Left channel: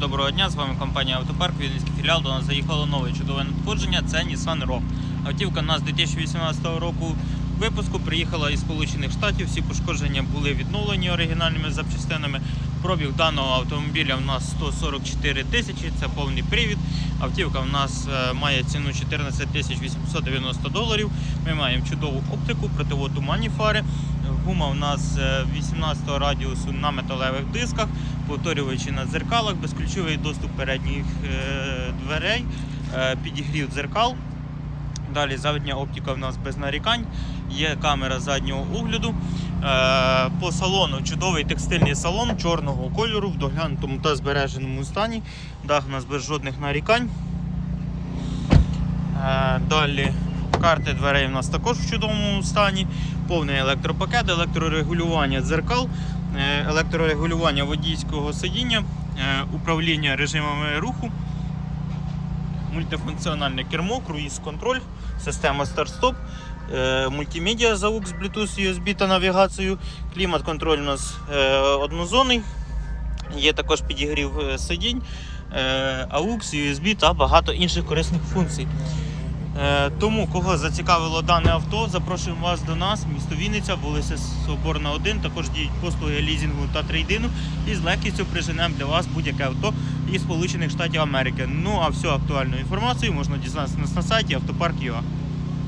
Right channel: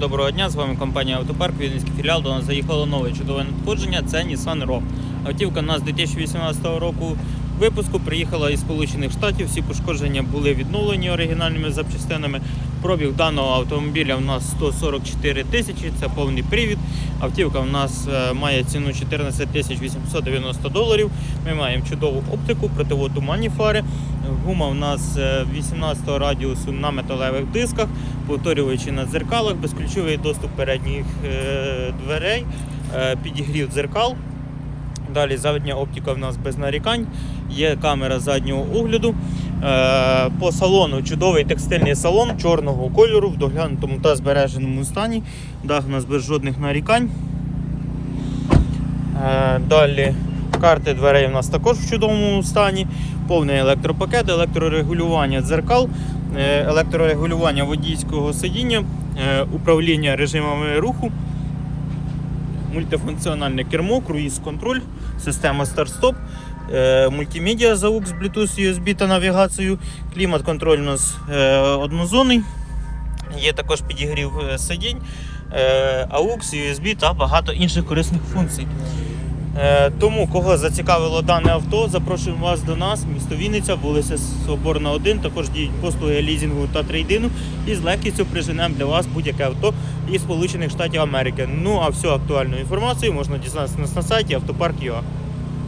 Доброго дня, з вами компанія Автопарк, Вінницький філіал. До нас заїхало нове чудове надходження. Це Nissan Rogue. Автівка у нас 2018 року випуску приїхала із Сполучених Штатів. Всі пошкодження були відновлені оригінальними запчастинами. Пробіг даного автомобіля у нас 144 тисячі, це повний привід. Автівка у нас е, має ціну 14 тисяч 890 доларів. Ми маємо чудову оптику, противотуманні фари. Гума у нас е, 18 радіусу на металевих дисках, повторюючи на дзеркалах, безключовий доступ передніх е, дверей, е, підігрів дзеркал. Далі задня оптика в нас без нарікань, є камера заднього огляду. Е, По салону чудовий текстильний салон чорного кольору в доглянутому та збереженому стані. Дах у нас без жодних нарікань. Е, Далі карти дверей у нас також в чудовому стані. Повний електропакет, електрорегулювання дзеркал, е, електрорегулювання водійського сидіння, е, управління режимами руху, мультифункціональне кермо, круїз-контроль, система старт-стоп, е, мультимедіа AUX, Bluetooth, USB та навігацію. Клімат-контроль у нас однозонний. Є також підігрів сидінь, AUX, USB та багато інших корисних функцій. Е, Тому, кого зацікавило дане авто, запрошуємо вас до нас, місто Вінниця, вулиця Соборна 1. Також діють послуги лізінгу та трейдину. І з легкістю приженемо для вас будь-яке авто із Сполучених Штатів Америки. Ну а всю актуальну інформацію можна дізнатися на сайті автопарк.ua.